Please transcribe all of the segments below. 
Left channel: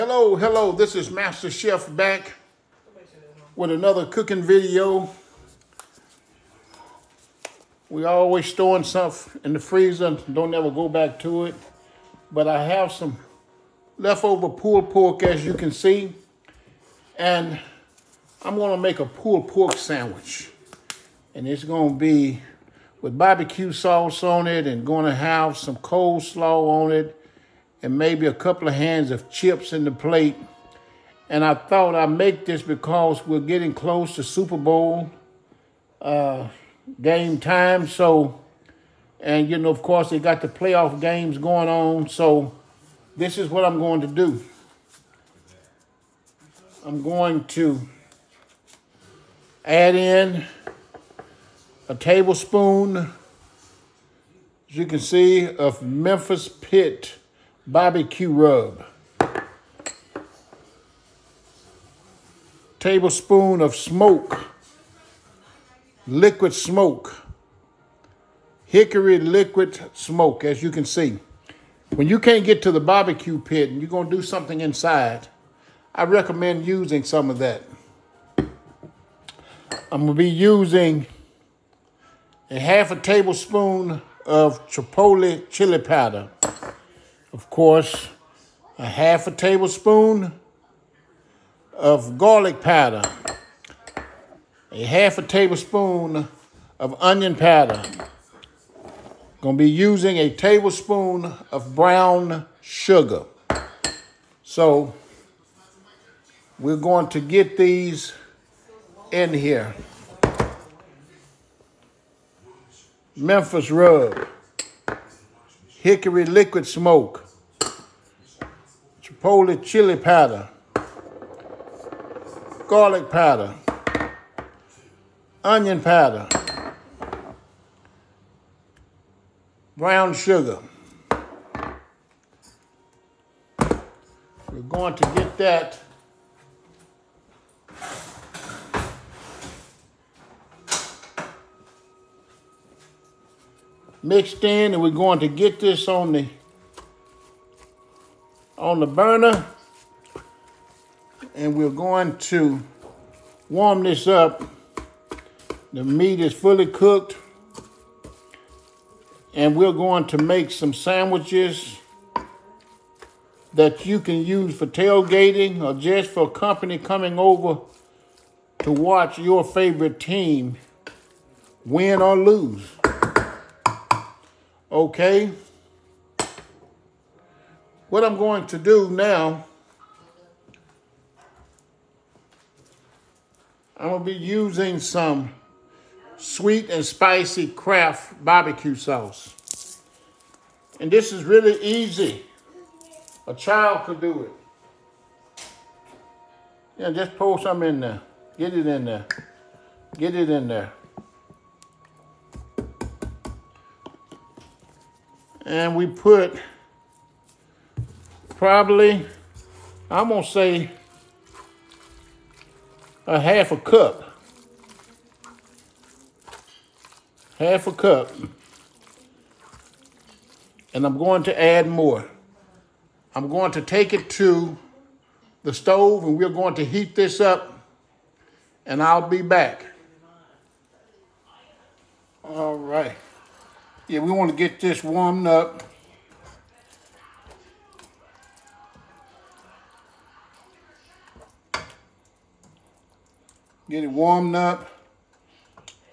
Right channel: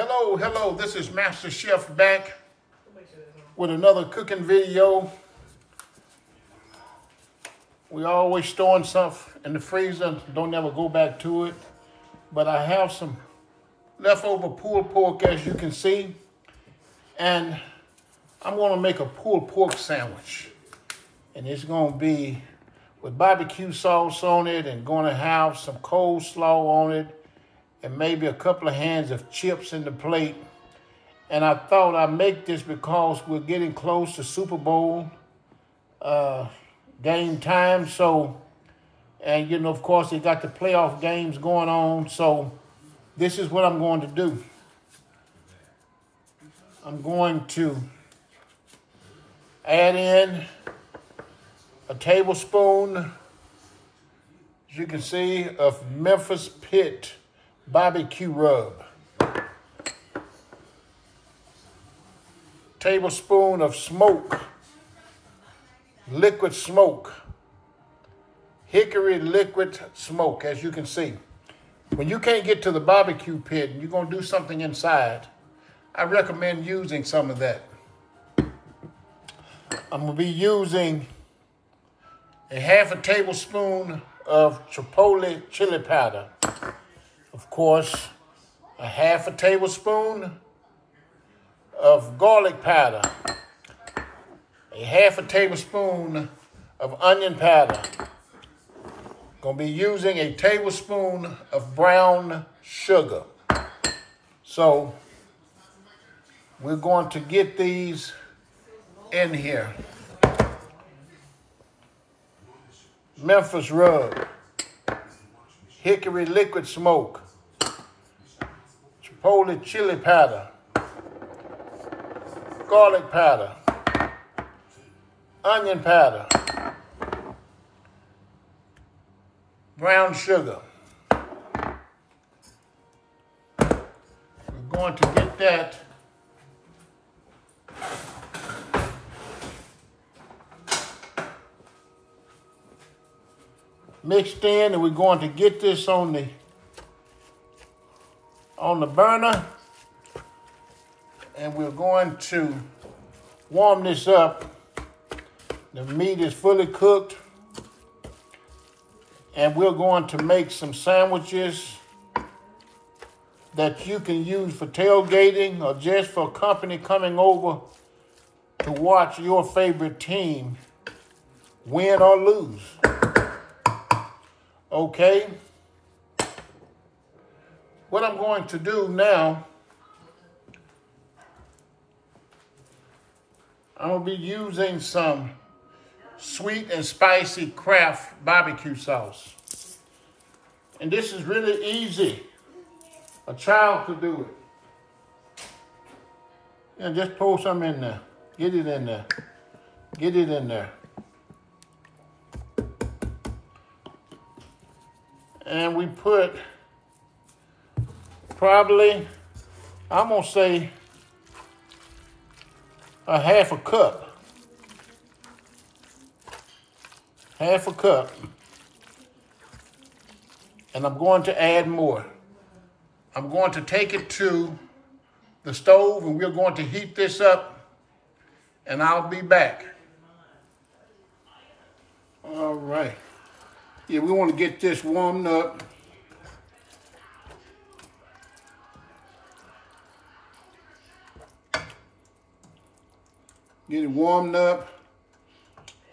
Hello, this is Masterchef back with another cooking video. We always storing stuff in the freezer, don't ever go back to it. But I have some leftover pulled pork, as you can see, and I'm gonna make a pulled pork sandwich. And it's gonna be with barbecue sauce on it and gonna have some coleslaw on it and maybe a couple of hands of chips in the plate. And I thought I'd make this because we're getting close to Super Bowl game time. So, and you know, of course, they got the playoff games going on. So this is what I'm going to do. I'm going to add in a tablespoon, as you can see, of Memphis Pit barbecue rub. Tablespoon of smoke, liquid smoke, hickory liquid smoke, as you can see. When you can't get to the barbecue pit and you're gonna do something inside, I recommend using some of that. I'm gonna be using a half a tablespoon of chipotle chili powder. Of course, a half a tablespoon of garlic powder, a half a tablespoon of onion powder. Gonna be using a tablespoon of brown sugar. So we're going to get these in here. Memphis rub, hickory liquid smoke, chipotle chili powder, garlic powder, onion powder, brown sugar. We're going to get that mixed in, and we're going to get this on the burner, and we're going to warm this up. The meat is fully cooked, and we're going to make some sandwiches that you can use for tailgating or just for company coming over to watch your favorite team win or lose. Okay? What I'm going to do now, I'm going to be using some sweet and spicy Kraft barbecue sauce. And this is really easy. A child could do it. Yeah, just pour some in there. Get it in there. Get it in there. And we put probably, I'm gonna say, a half a cup. Half a cup. And I'm going to add more. I'm going to take it to the stove and we're going to heat this up, and I'll be back. All right. Yeah, we want to get this warmed up. Get it warmed up,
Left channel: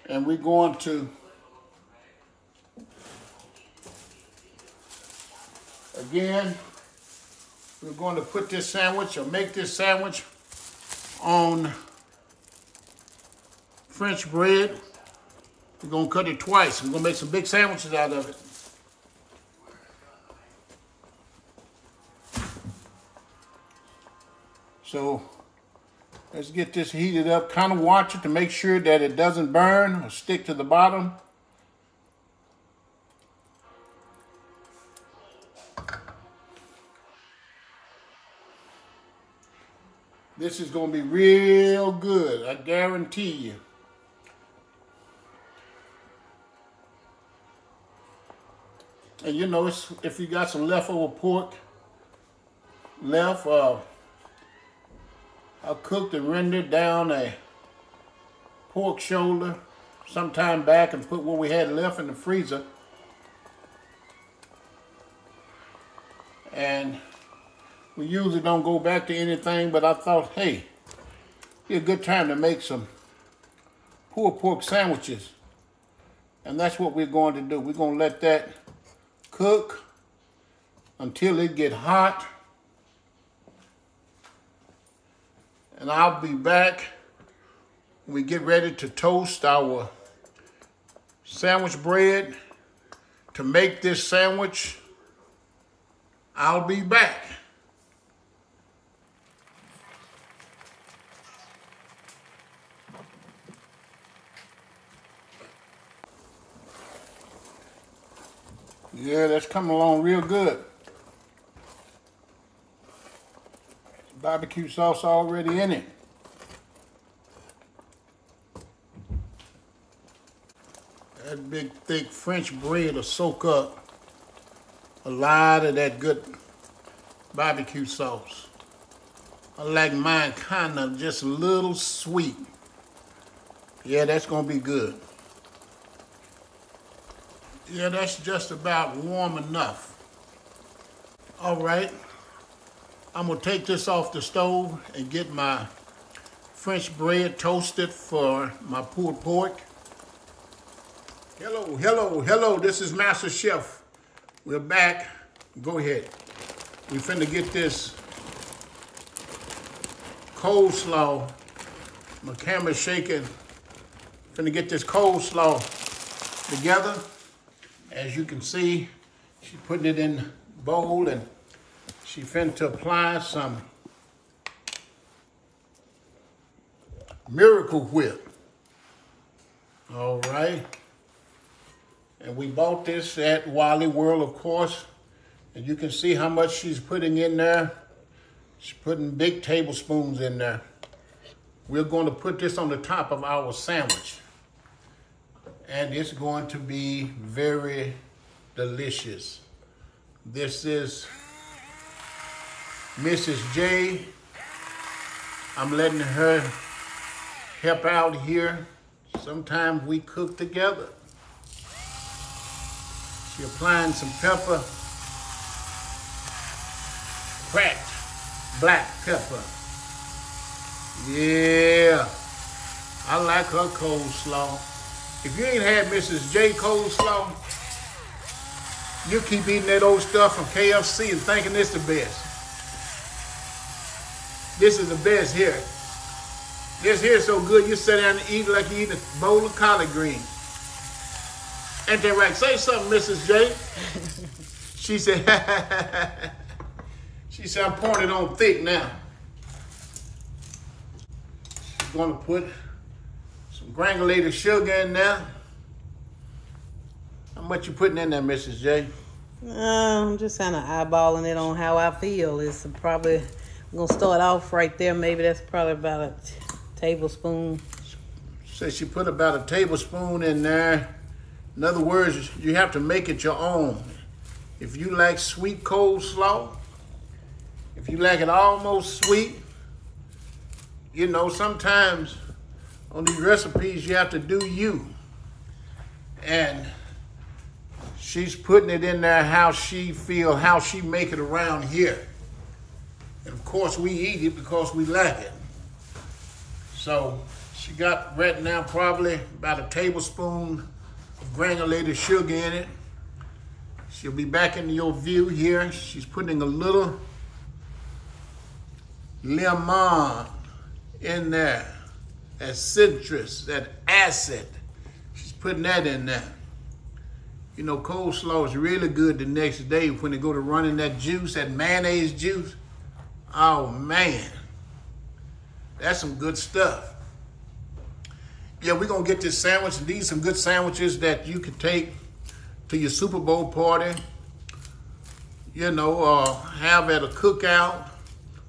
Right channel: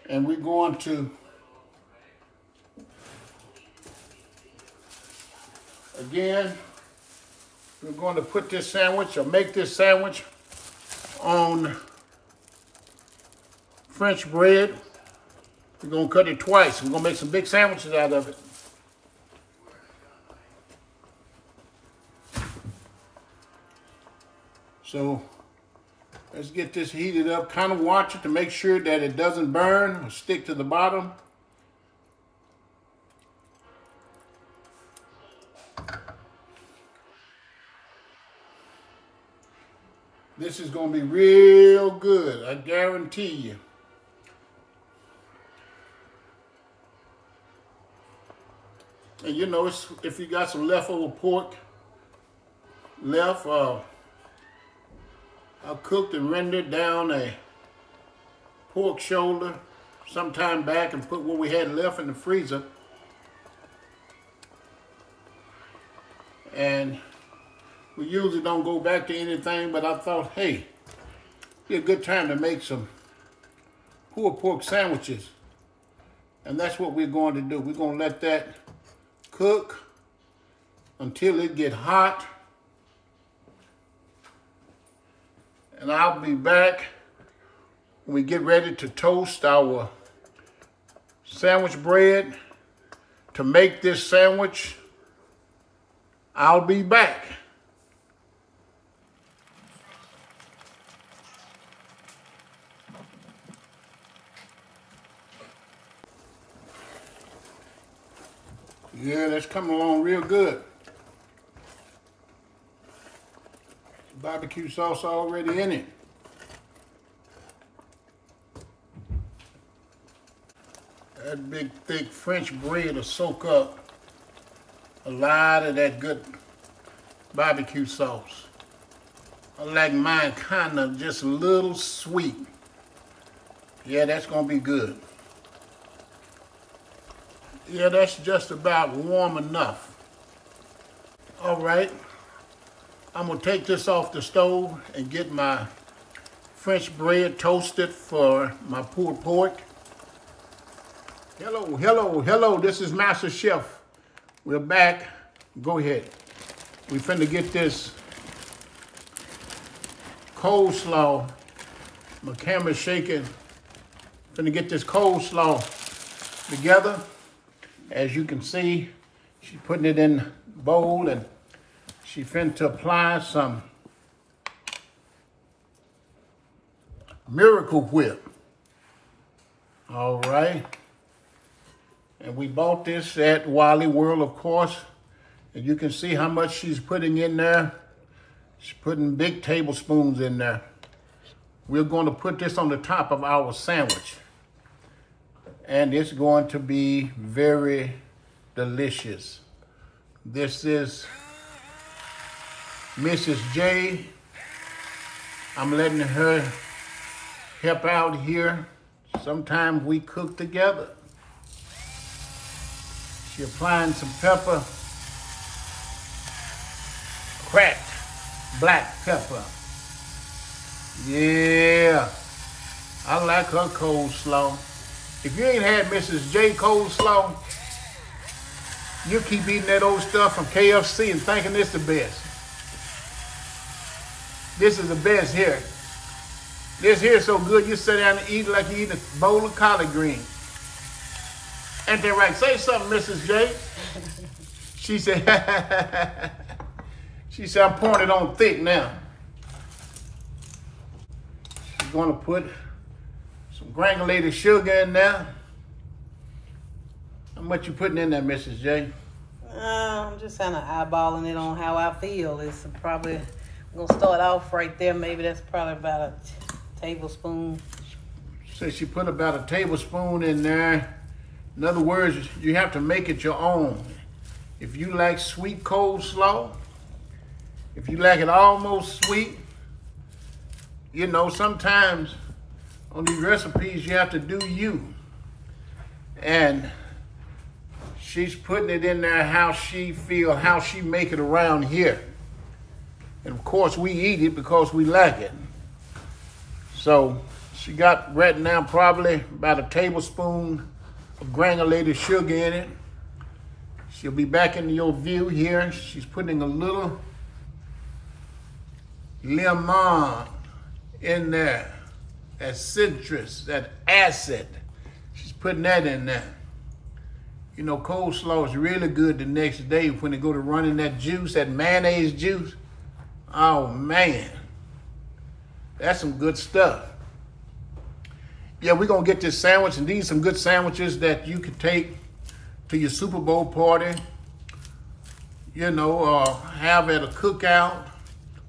and we're going to, again, we're going to put this sandwich, or make this sandwich, on French bread. We're gonna cut it twice. We're gonna make some big sandwiches out of it. So let's get this heated up. Kind of watch it to make sure that it doesn't burn or stick to the bottom. This is gonna be real good, I guarantee you. And you know, if you got some leftover pork left, I cooked and rendered down a pork shoulder some time back and put what we had left in the freezer. And we usually don't go back to anything, but I thought, hey, it'd be a good time to make some pulled pork sandwiches. And that's what we're going to do. We're going to let that cook until it gets hot. And I'll be back when we get ready to toast our sandwich bread. To make this sandwich, I'll be back. Yeah, that's coming along real good. Barbecue sauce already in it. That big thick French bread will soak up a lot of that good barbecue sauce. I like mine kind of just a little sweet. Yeah, that's gonna be good. Yeah, that's just about warm enough. All right, I'm gonna take this off the stove and get my French bread toasted for my pulled pork. Hello, hello, hello, this is Masterchef. We're back. Go ahead. We finna get this coleslaw. My camera's shaking. Finna get this coleslaw together. As you can see, she's putting it in the bowl and she finna apply some Miracle Whip. All right. And we bought this at Wally World, of course. And you can see how much she's putting in there. She's putting big tablespoons in there. We're going to put this on the top of our sandwich. And it's going to be very delicious. This is Mrs. J. I'm letting her help out here. Sometimes we cook together. She's applying some pepper, cracked black pepper. Yeah, I like her coleslaw. If you ain't had Mrs. J coleslaw, you keep eating that old stuff from KFC and thinking it's the best. This is the best here. This here is so good, you sit down and eat it like you eat a bowl of collard greens. Ain't that right? Say something, Mrs. J. She said, I'm pouring it on thick now. She's gonna put some granulated sugar in there. How much you putting in there, Mrs. J? I'm just kind of eyeballing it on how I feel. It's probably, I'm gonna start off right there. Maybe that's probably about a tablespoon. So she put about a tablespoon in there. In other words, you have to make it your own. If you like sweet coleslaw, if you like it almost sweet, you know, sometimes on these recipes you have to do you. And she's putting it in there how she feel, how she make it around here. And of course we eat it because we like it. So she got right now probably about a tablespoon of granulated sugar in it. She'll be back in your view here. She's putting a little lemon in there. That citrus, that acid. She's putting that in there. You know, coleslaw is really good the next day when they go to running that juice, that mayonnaise juice. Oh man, that's some good stuff. Yeah, we're gonna get this sandwich, and these are some good sandwiches that you can take to your Super Bowl party, you know, have at a cookout.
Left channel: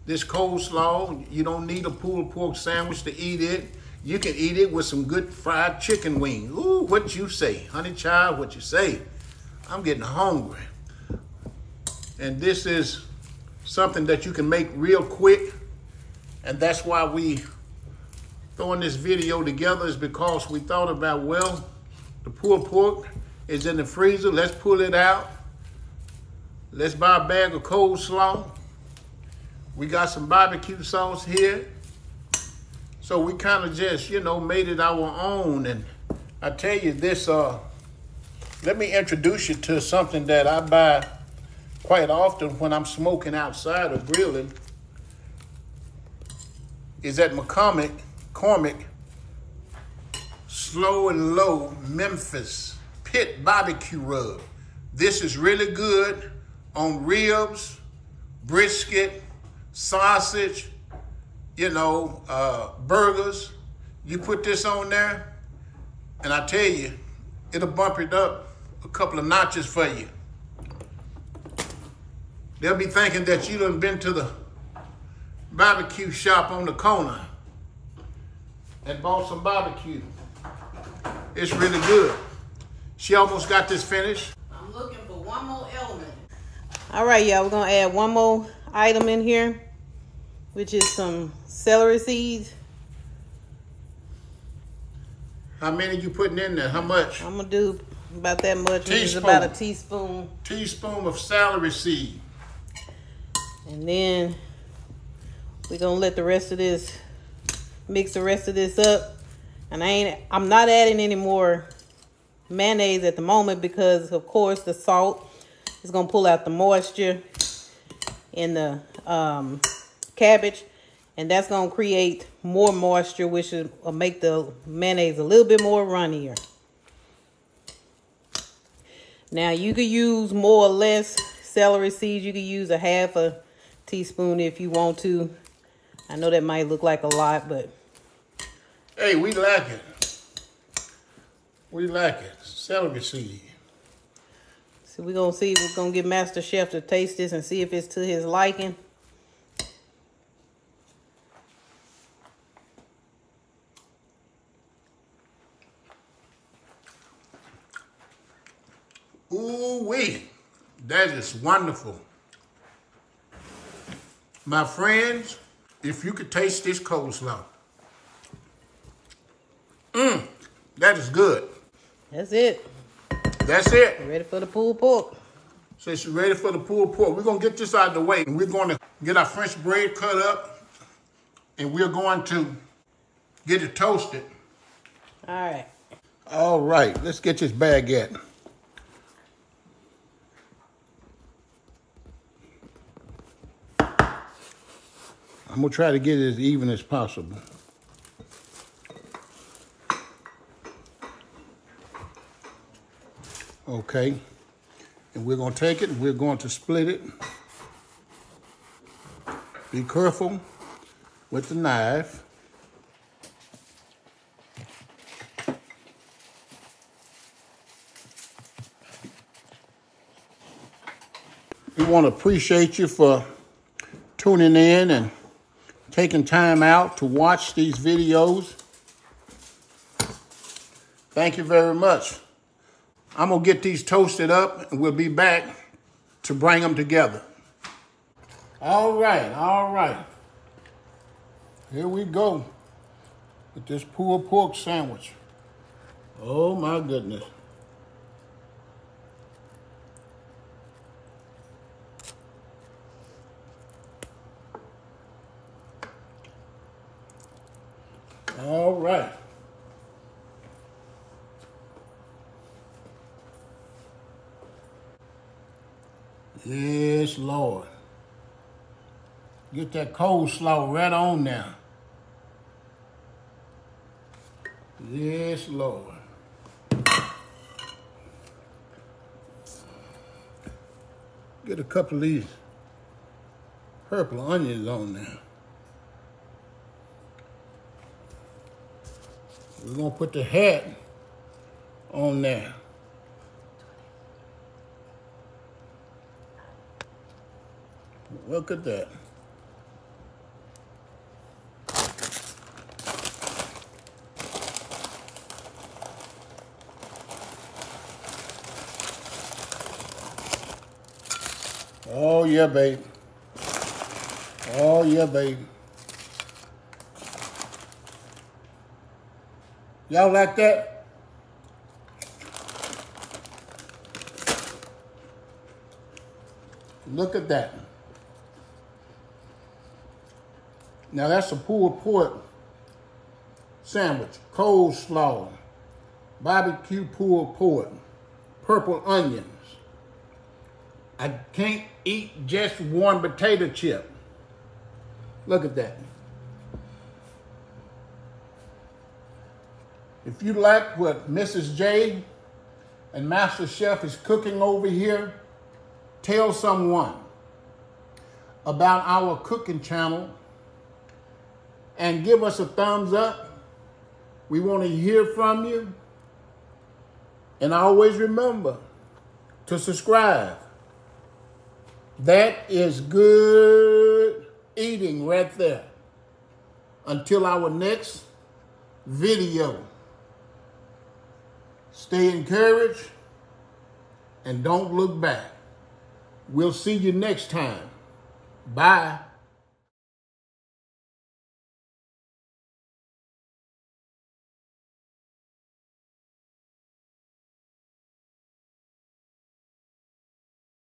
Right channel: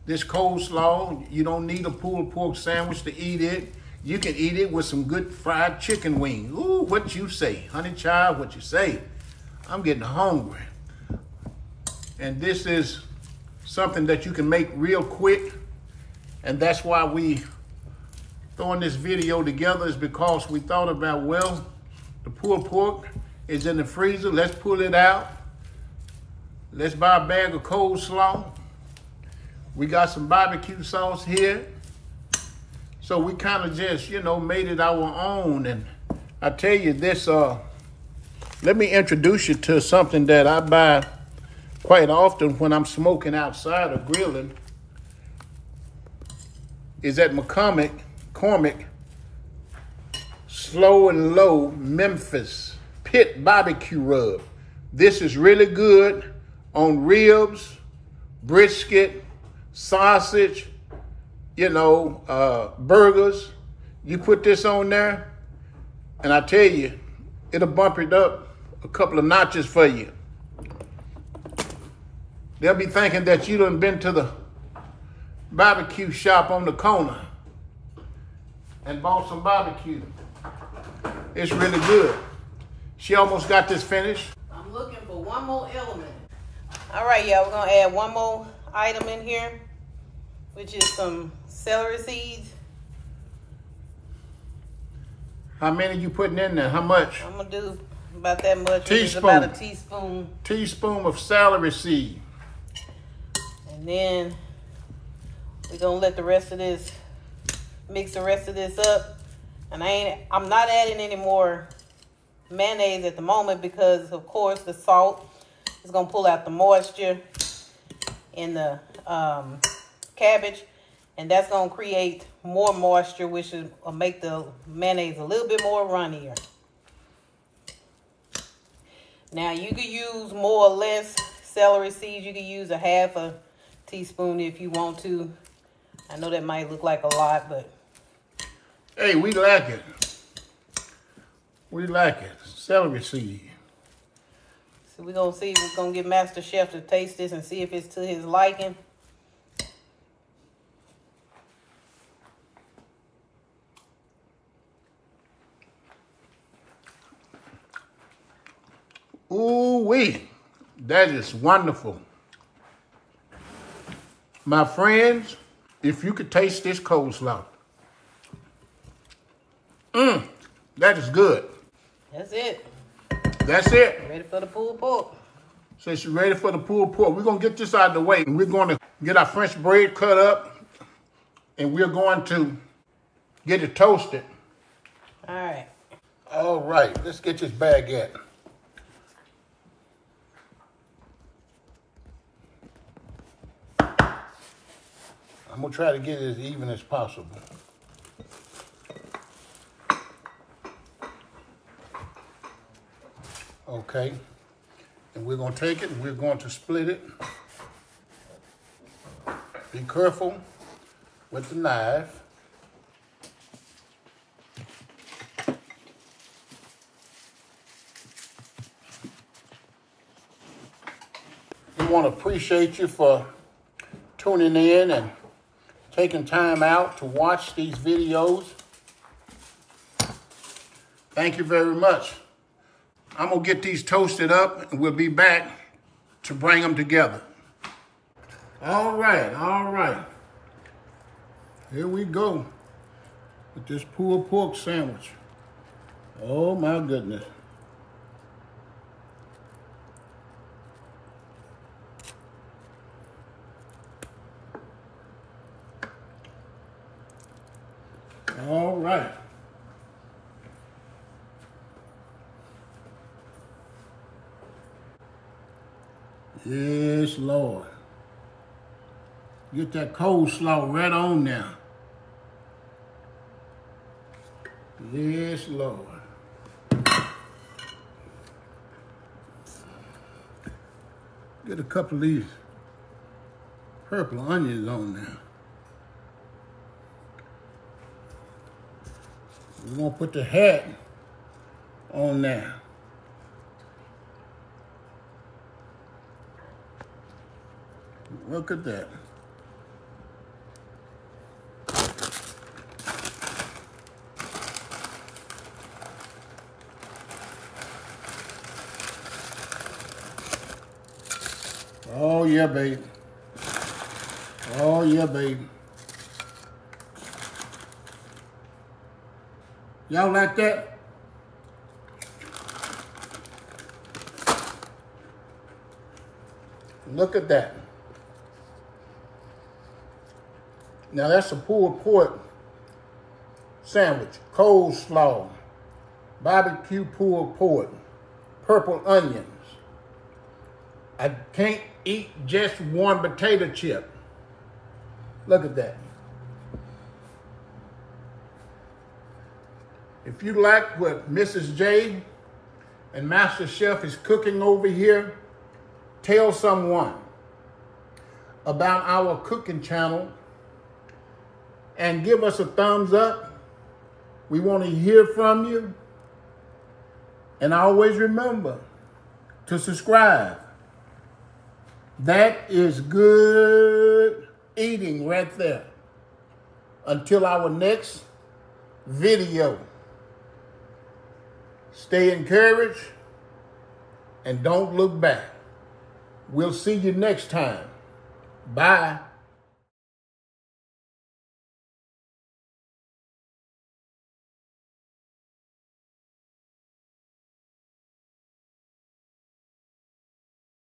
This coleslaw, you don't need a pulled pork sandwich to eat it. You can eat it with some good fried chicken wings. Ooh, what you say? Honey child, what you say? I'm getting hungry. And this is something that you can make real quick And that's why we throwing this video together, is because we thought about, well, the pulled pork is in the freezer. Let's pull it out. Let's buy a bag of coleslaw. We got some barbecue sauce here. So we kind of just, you know, made it our own. And I tell you this, let me introduce you to something that I buy quite often when I'm smoking outside or grilling. Is at McCormick, Slow and Low Memphis Pit Barbecue Rub. This is really good on ribs, brisket, sausage, you know, burgers. You put this on there, and I tell you, it'll bump it up a couple of notches for you. They'll be thinking that you done been to the barbecue shop on the corner and bought some barbecue. It's really good. She almost got this finished. I'm looking for one more element. All right, y'all, we're gonna add one more item in here, which is some celery seeds. How many you putting in there? How much? I'm gonna do about that much. Teaspoon. About a teaspoon. Teaspoon of celery seed. And then we're gonna let the rest of this, mix the rest of this up. And I'm not adding any more mayonnaise at the moment because, of course, the salt is gonna pull out the moisture in the cabbage, and that's gonna create more moisture, which will make the mayonnaise a little bit more runnier. Now you could use more or less celery seeds. You could use a half a teaspoon if you want to. I know that might look like a lot, but hey, we like it. We like it. Celery seed. So we're gonna see. We're gonna get Masterchef to taste this and see if it's to his liking. Ooh-wee, that is wonderful. My friends, if you could taste this coleslaw. That is good. That's it. That's it. Ready for the pulled pork. So it's ready for the pulled pork. We're going to get this out of the way. And we're going to get our French bread cut up. And we're going to get it toasted. All right. All right. Let's get this baguette. I'm going to try to get it as even as possible. Okay. And we're going to take it and we're going to split it. Be careful with the knife. We want to appreciate you for tuning in and taking time out to watch these videos. Thank you very much. I'm gonna get these toasted up and we'll be back to bring them together. All right. Here we go with this pulled pork sandwich. Oh my goodness. All right. Yes, Lord. Get that coleslaw right on now. Yes, Lord. Get a couple of these purple onions on there. We're going to put the hat on there. Look at that. Oh, yeah, baby. Oh, yeah, baby. Y'all like that? Look at that. Now that's a pulled pork sandwich, coleslaw, barbecue pulled pork, purple onions. I can't eat just one potato chip. Look at that. If you like what Mrs. J and Masterchef is cooking over here, tell someone about our cooking channel and give us a thumbs up. We want to hear from you. And always remember to subscribe. That is good eating right there. Until our next video. Stay encouraged and don't look back. We'll see you next time. Bye.